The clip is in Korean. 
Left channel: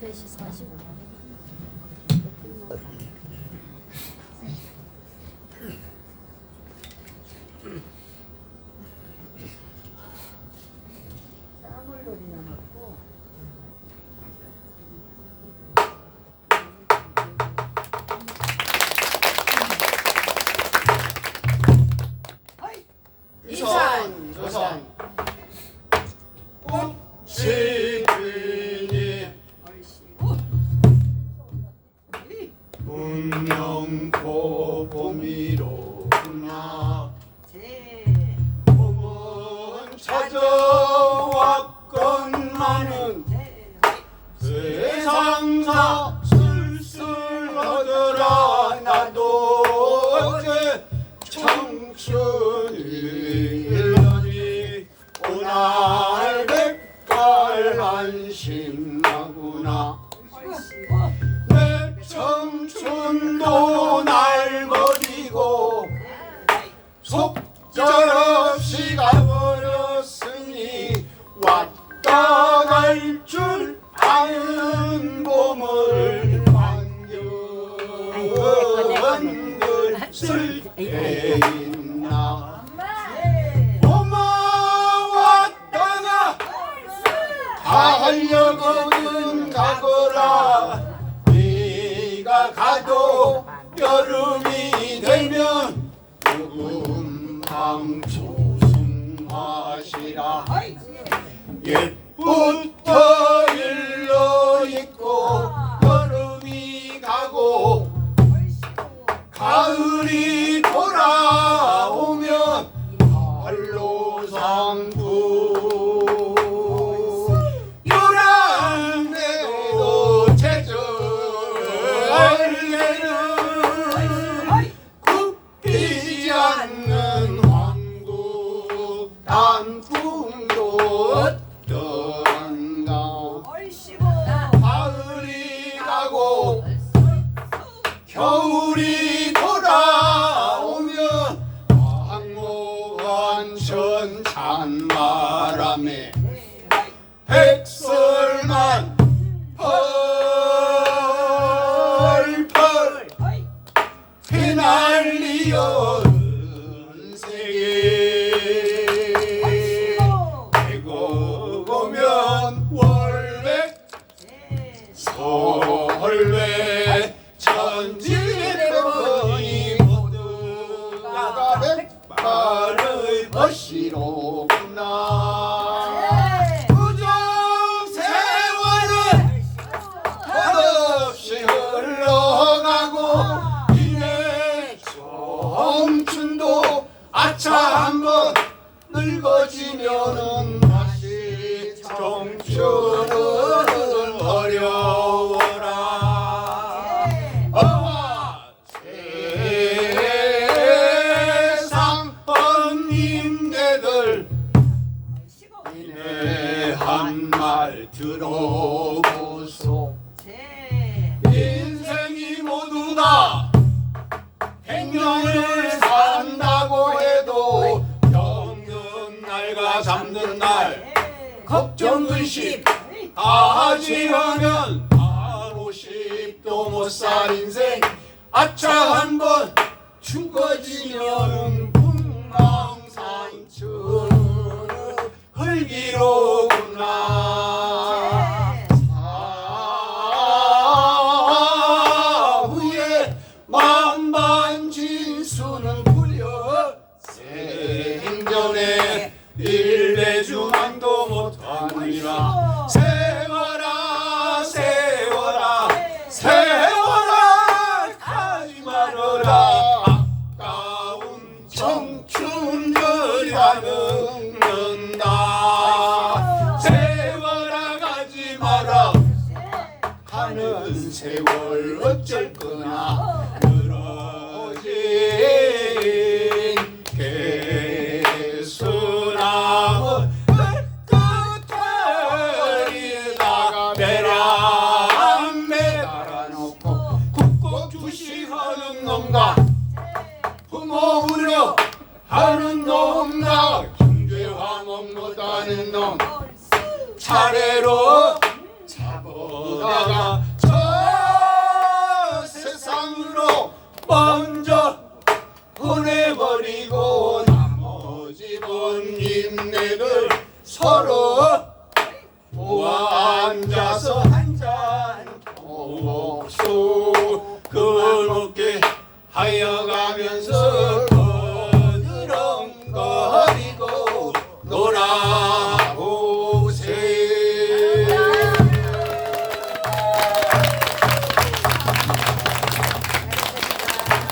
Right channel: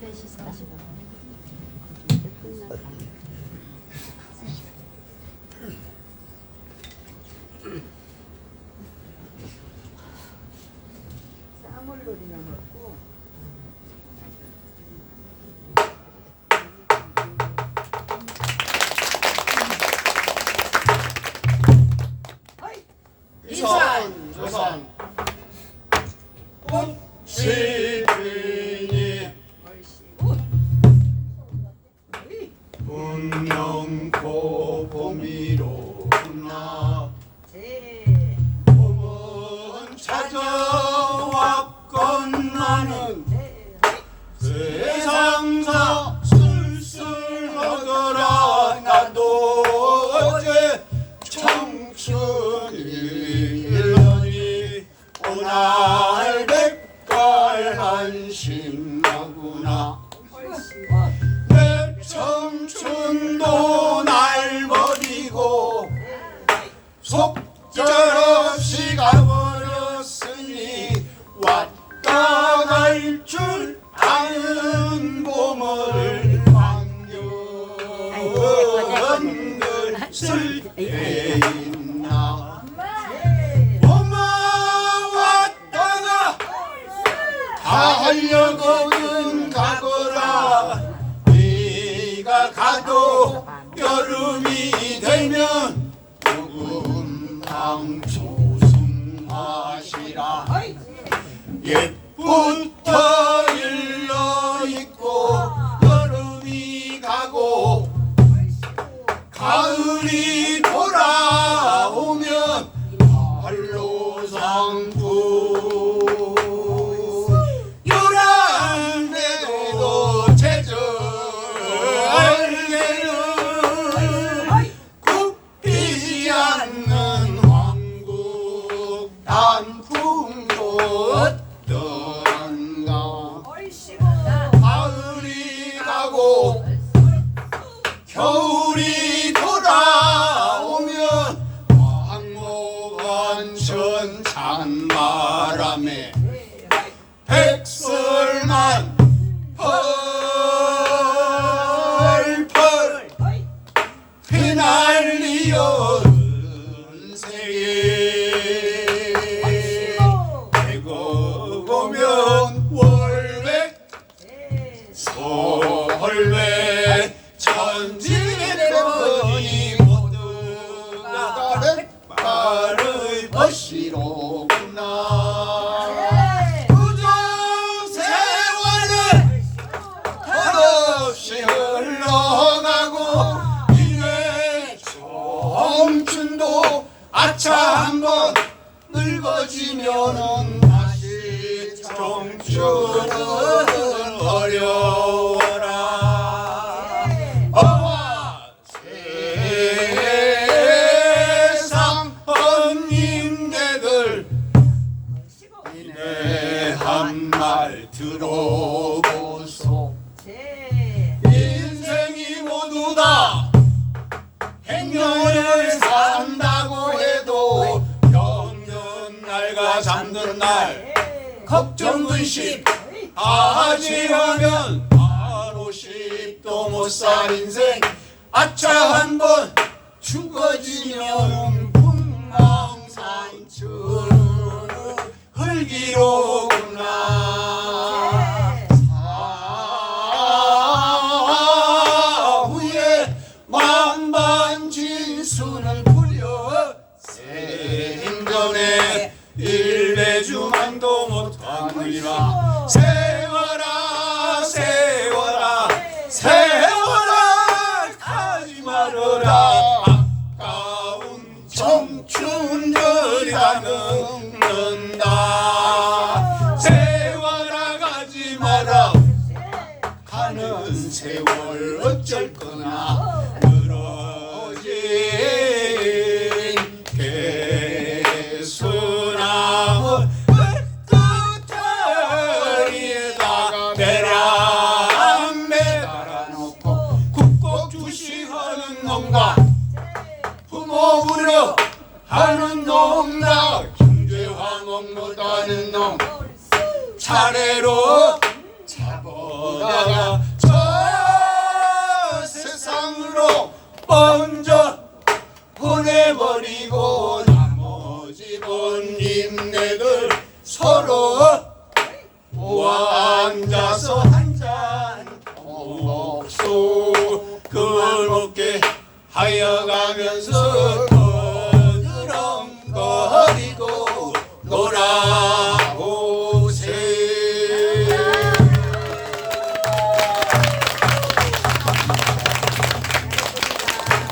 Face is. glory. 여름이 되면 조금 방 조승하시라. 옛부터 일러 있고 여름이 가고 가을이 돌아오면 발로상부 Excellent. 늙어지면 다시 청춘을 다 잠든 날 걱정 근심 다 지하면 바로 십도 못 살 인생. 아차 한번 죽어지면 풍망산출 흘기로 울리마 세워라 세워라. 세워라 가지 말어라. 아까운 청춘들이라는 는다. 세워라 가지 마라. 네. 가는 세월 어쩔 거나. 그런 놈나? 중죄왕옥 못하는 놈 차례로 잡아다가 저 세상으로 먼저 보내버리고 나머지 번님네들 서로 모아 앉아서 한잔 먹소 그걸 먹게 하여가면서